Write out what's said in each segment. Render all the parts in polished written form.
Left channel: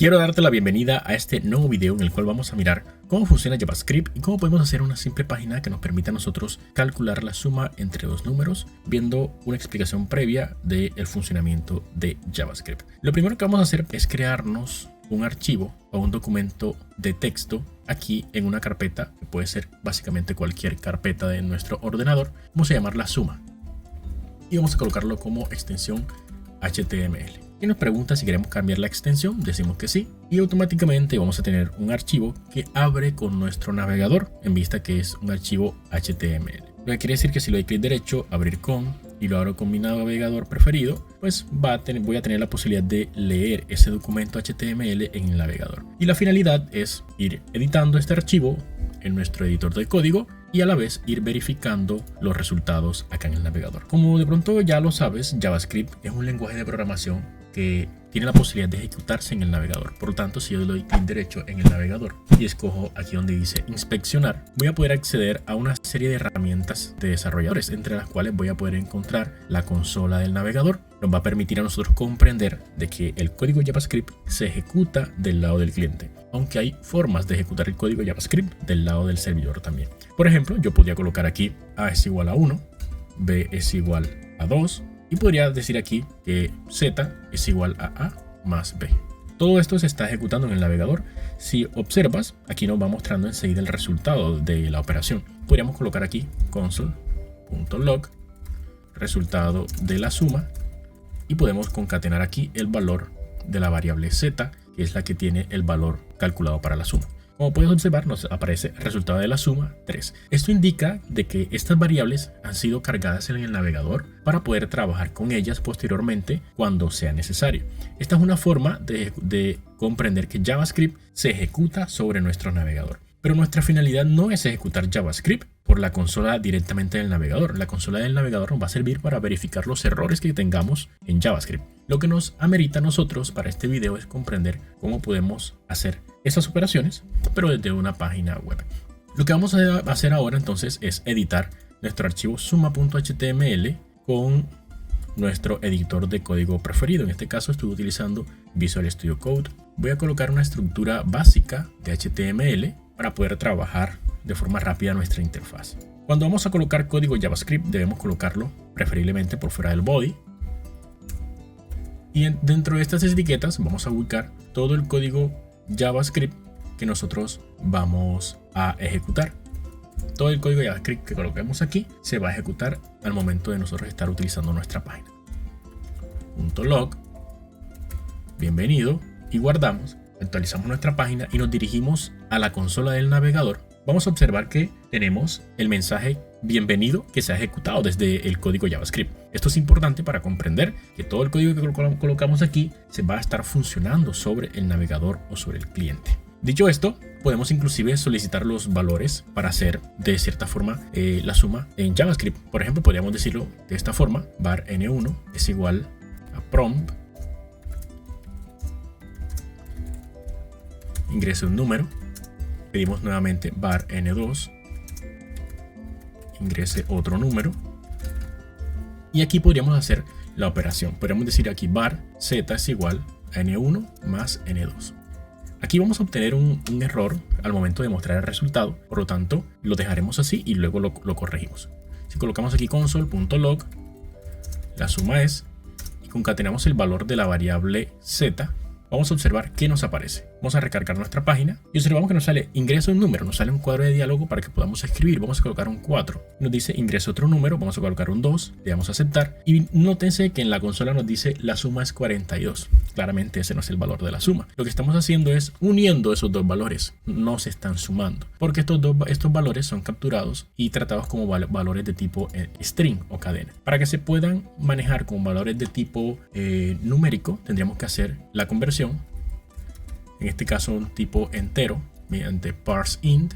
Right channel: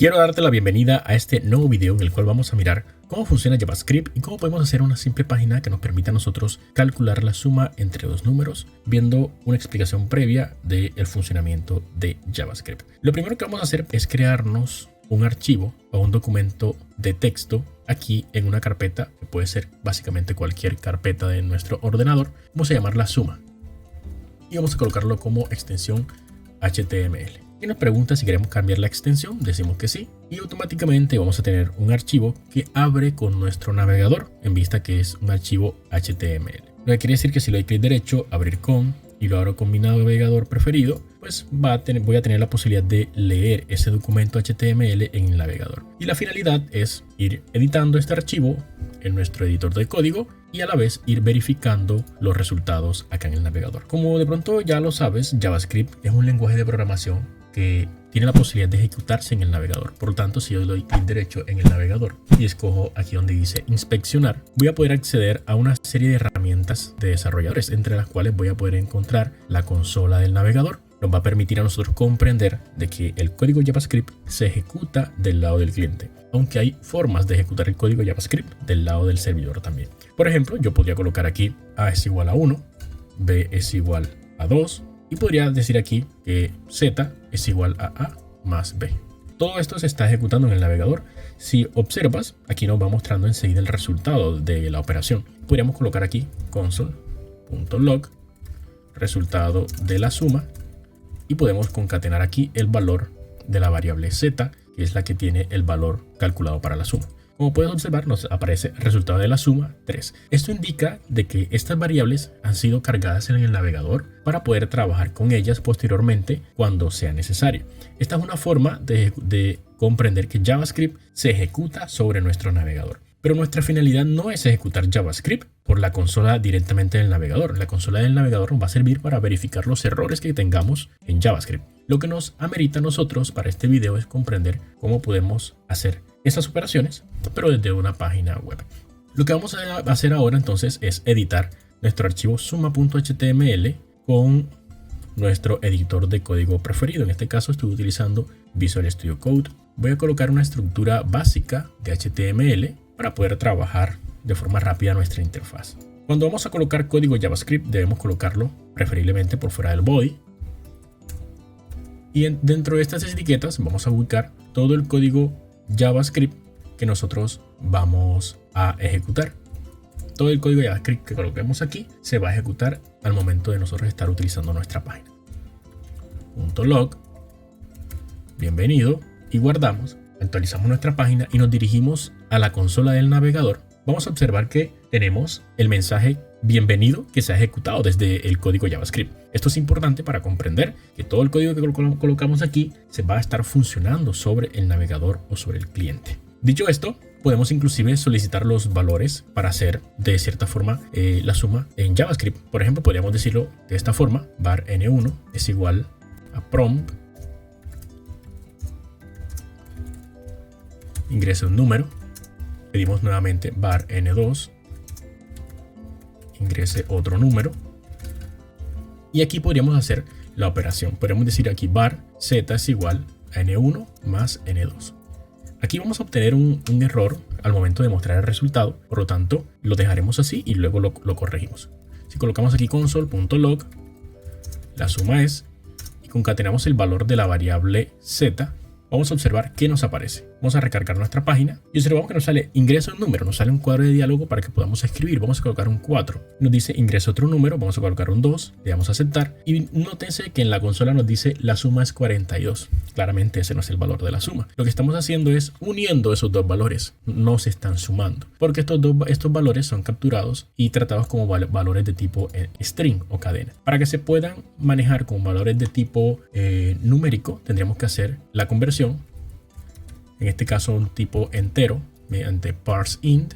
Quiero darte la bienvenida a este nuevo video en el cual vamos a mirar cómo funciona JavaScript y cómo podemos hacer una simple página que nos permita a nosotros calcular la suma entre dos números, viendo una explicación previa del funcionamiento de JavaScript. Lo primero que vamos a hacer es crearnos un archivo o un documento de texto aquí en una carpeta, que puede ser básicamente cualquier carpeta de nuestro ordenador. Vamos a llamarla suma y vamos a colocarlo como extensión HTML. Y nos pregunta si queremos cambiar la extensión, decimos que sí, y automáticamente vamos a tener un archivo que abre con nuestro navegador en vista que es un archivo HTML. Lo que quiere decir que si le doy clic derecho, abrir con, y lo abro con mi navegador preferido, pues voy a tener la posibilidad de leer ese documento HTML en el navegador. Y la finalidad es ir editando este archivo en nuestro editor de código y a la vez ir verificando los resultados acá en el navegador. Como de pronto ya lo sabes, JavaScript es un lenguaje de programación que tiene la posibilidad de ejecutarse en el navegador. Por lo tanto, si yo le doy clic derecho en el navegador y escojo aquí donde dice inspeccionar, voy a poder acceder a una serie de herramientas de desarrolladores, entre las cuales voy a poder encontrar la consola del navegador. Nos va a permitir a nosotros comprender de que el código JavaScript se ejecuta del lado del cliente, aunque hay formas de ejecutar el código JavaScript del lado del servidor también. Por ejemplo, yo podría colocar aquí A es igual a 1, B es igual a 2, y podría decir aquí que Z es igual a A más B. Todo esto se está ejecutando en el navegador. Si observas, aquí nos va mostrando enseguida el resultado de la operación. Podríamos colocar aquí console.log, resultado de la suma, y podemos concatenar aquí el valor de la variable Z, que es la que tiene el valor calculado para la suma. Como puedes observar, nos aparece el resultado de la suma 3. Esto indica de que estas variables han sido cargadas en el navegador para poder trabajar con ellas posteriormente cuando sea necesario. Esta es una forma de comprender que JavaScript se ejecuta sobre nuestro navegador. Pero nuestra finalidad no es ejecutar JavaScript por la consola directamente del navegador. La consola del navegador nos va a servir para verificar los errores que tengamos en JavaScript. Lo que nos amerita a nosotros para este video es comprender cómo podemos hacer estas operaciones, pero desde una página web. Lo que vamos a hacer ahora entonces es editar nuestro archivo suma.html con nuestro editor de código preferido. En este caso estoy utilizando Visual Studio Code. Voy a colocar una estructura básica de HTML para poder trabajar de forma rápida nuestra interfaz. Cuando vamos a colocar código JavaScript debemos colocarlo preferiblemente por fuera del body. Y dentro de estas etiquetas vamos a ubicar todo el código JavaScript que nosotros vamos a ejecutar. Todo el código JavaScript que coloquemos aquí se va a ejecutar al momento de nosotros estar utilizando nuestra página. .log, bienvenido, y guardamos, actualizamos nuestra página y nos dirigimos a la consola del navegador. Vamos a observar que tenemos el mensaje bienvenido que se ha ejecutado desde el código JavaScript. Esto es importante para comprender que todo el código que colocamos aquí se va a estar funcionando sobre el navegador o sobre el cliente. Dicho esto, podemos inclusive solicitar los valores para hacer de cierta forma la suma en JavaScript. Por ejemplo, podríamos decirlo de esta forma: var n1 es igual a prompt, ingrese un número, pedimos nuevamente var n2, ingrese otro número, y aquí podríamos hacer la operación. Podríamos decir aquí var z es igual a n1 más n2. Aquí vamos a obtener un error al momento de mostrar el resultado, por lo tanto lo dejaremos así y luego lo corregimos. Si colocamos aquí console.log, la suma es, y concatenamos el valor de la variable z, vamos a observar qué nos aparece. Vamos a recargar nuestra página y observamos que nos sale ingresa un número, nos sale un cuadro de diálogo para que podamos escribir. Vamos a colocar un 4, nos dice ingresa otro número, vamos a colocar un 2, le damos a aceptar y nótense que en la consola nos dice la suma es 42. Claramente ese no es el valor de la suma. Lo que estamos haciendo es uniendo esos dos valores, no se están sumando, porque estos valores son capturados y tratados como valores de tipo string o cadena. Para que se puedan manejar como valores de tipo numérico, tendríamos que hacer la conversión, en este caso un tipo entero, mediante parseInt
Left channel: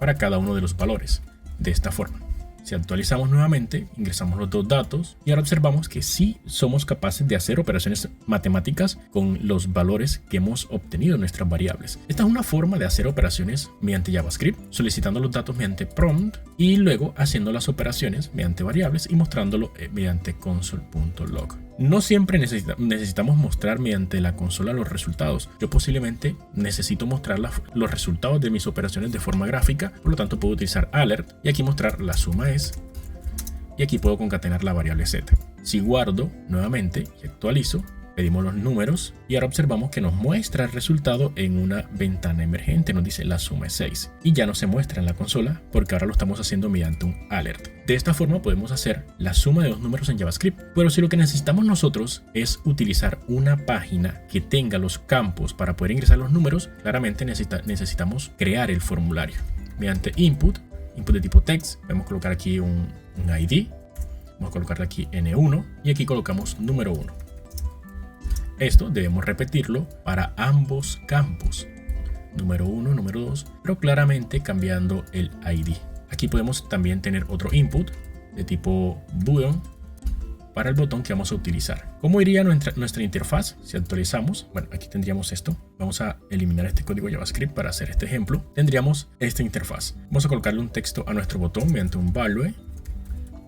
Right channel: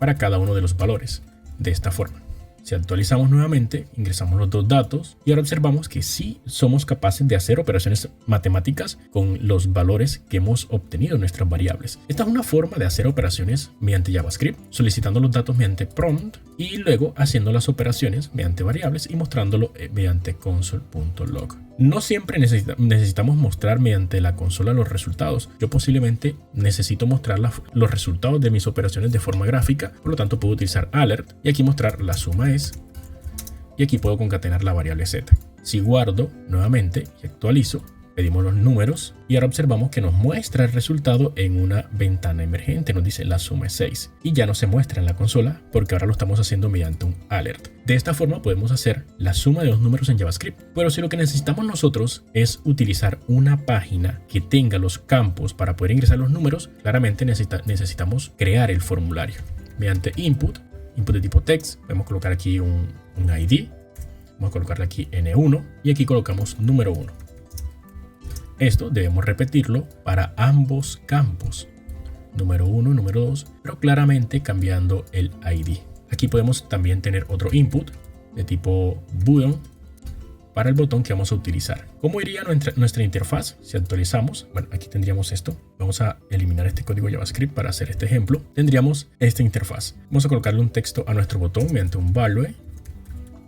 para cada uno de los valores. De esta forma, si actualizamos nuevamente, ingresamos los dos datos y ahora observamos que sí somos capaces de hacer operaciones matemáticas con los valores que hemos obtenido en nuestras variables. Esta es una forma de hacer operaciones mediante JavaScript, solicitando los datos mediante prompt y luego haciendo las operaciones mediante variables y mostrándolo mediante console.log. No siempre necesitamos mostrar mediante la consola los resultados. Yo posiblemente necesito mostrar los resultados de mis operaciones de forma gráfica, por lo tanto puedo utilizar alert y aquí mostrar la suma es, y aquí puedo concatenar la variable z. Si guardo nuevamente y actualizo, pedimos los números y ahora observamos que nos muestra el resultado en una ventana emergente. Nos dice la suma es 6 y ya no se muestra en la consola porque ahora lo estamos haciendo mediante un alert. De esta forma podemos hacer la suma de dos números en JavaScript. Pero si lo que necesitamos nosotros es utilizar una página que tenga los campos para poder ingresar los números, claramente necesitamos crear el formulario. Mediante input de tipo text, podemos colocar aquí un ID. Vamos a colocarle aquí N1 y aquí colocamos número 1. Esto debemos repetirlo para ambos campos, número 1, número 2, pero claramente cambiando el ID. Aquí podemos también tener otro input de tipo button para el botón que vamos a utilizar. ¿Cómo iría nuestra interfaz si actualizamos? Bueno, aquí tendríamos esto. Vamos a eliminar este código JavaScript para hacer este ejemplo. Tendríamos esta interfaz. Vamos a colocarle un texto a nuestro botón mediante un value,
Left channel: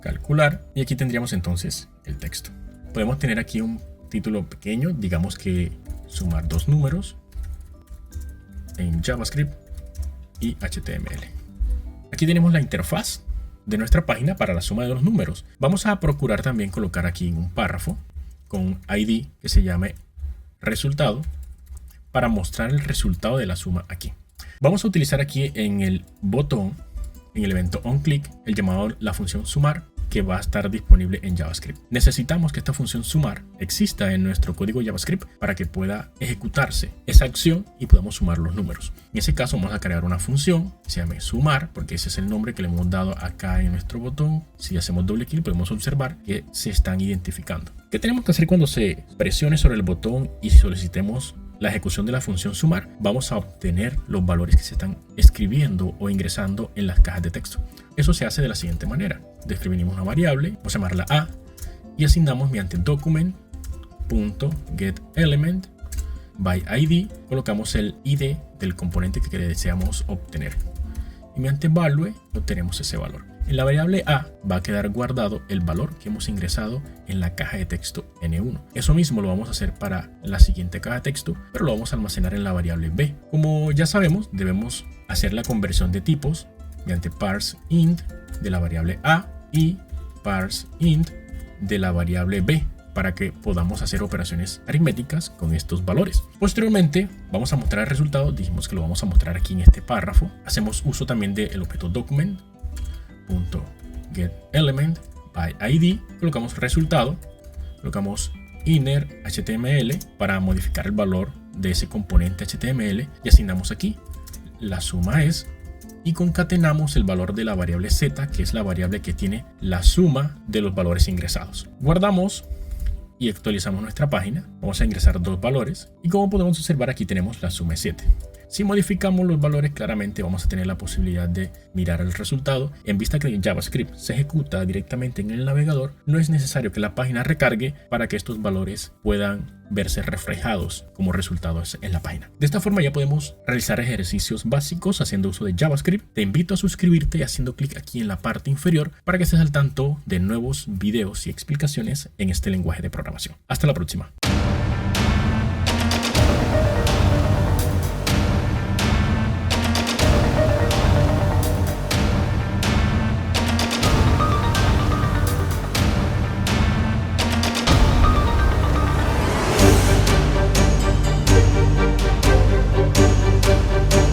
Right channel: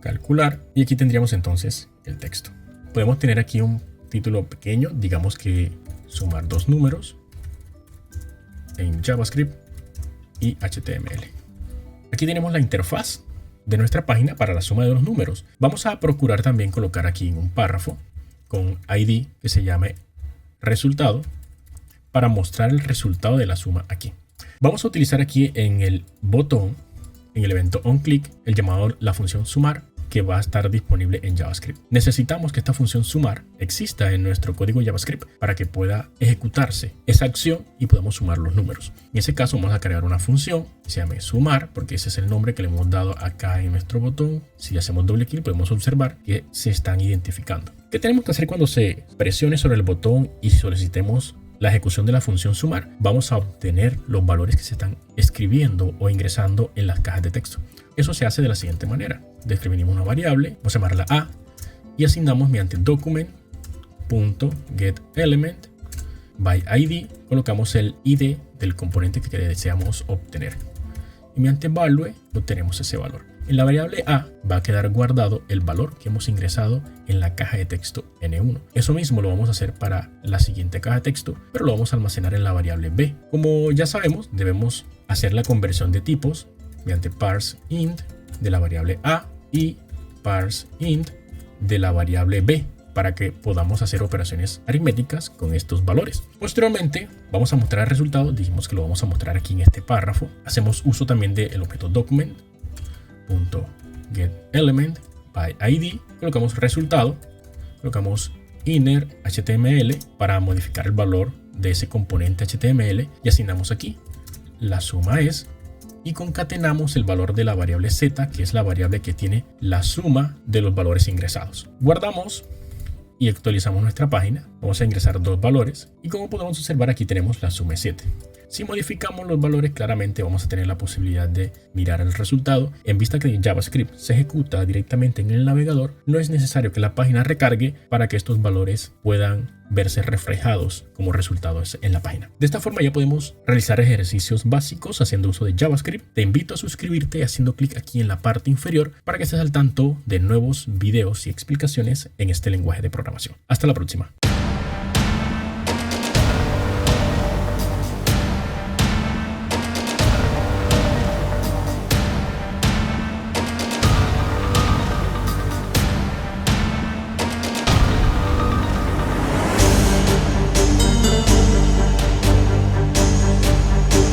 calcular, y aquí tendríamos entonces el texto. Podemos tener aquí un título pequeño, digamos que sumar dos números en JavaScript y HTML. Aquí tenemos la interfaz de nuestra página para la suma de los números. Vamos a procurar también colocar aquí un párrafo con ID que se llame resultado para mostrar el resultado de la suma aquí. Vamos a utilizar aquí en el botón, en el evento onClick, el llamado la función sumar, que va a estar disponible en JavaScript. Necesitamos que esta función sumar exista en nuestro código JavaScript para que pueda ejecutarse esa acción y podamos sumar los números. En ese caso vamos a crear una función que se llame sumar, porque ese es el nombre que le hemos dado acá en nuestro botón. Si hacemos doble clic podemos observar que se están identificando. ¿Qué tenemos que hacer cuando se presione sobre el botón y solicitemos la ejecución de la función sumar? Vamos a obtener los valores que se están escribiendo o ingresando en las cajas de texto. Eso se hace de la siguiente manera. Describimos una variable, vamos a llamarla A y asignamos mediante document.getElement by ID, colocamos el ID del componente que deseamos obtener y mediante value obtenemos ese valor. En la variable A va a quedar guardado el valor que hemos ingresado en la caja de texto N1. Eso mismo lo vamos a hacer para la siguiente caja de texto, pero lo vamos a almacenar en la variable B. Como ya sabemos, debemos hacer la conversión de tipos mediante parseInt de la variable A y parseInt de la variable B para que podamos hacer operaciones aritméticas con estos valores. Posteriormente vamos a mostrar el resultado. Dijimos que lo vamos a mostrar aquí en este párrafo. Hacemos uso también del objeto document.getElement by ID, colocamos resultado, colocamos inner HTML para modificar el valor de ese componente HTML y asignamos aquí la suma es y concatenamos el valor de la variable z, que es la variable que tiene la suma de los valores ingresados. Guardamos y actualizamos nuestra página. Vamos a ingresar dos valores y como podemos observar aquí tenemos la suma es 7. Si modificamos los valores, claramente vamos a tener la posibilidad de mirar el resultado. En vista que JavaScript se ejecuta directamente en el navegador, no es necesario que la página recargue para que estos valores puedan verse reflejados como resultados en la página. De esta forma ya podemos realizar ejercicios básicos haciendo uso de JavaScript. Te invito a suscribirte haciendo clic aquí en la parte inferior para que estés al tanto de nuevos videos y explicaciones en este lenguaje de programación. Hasta la próxima.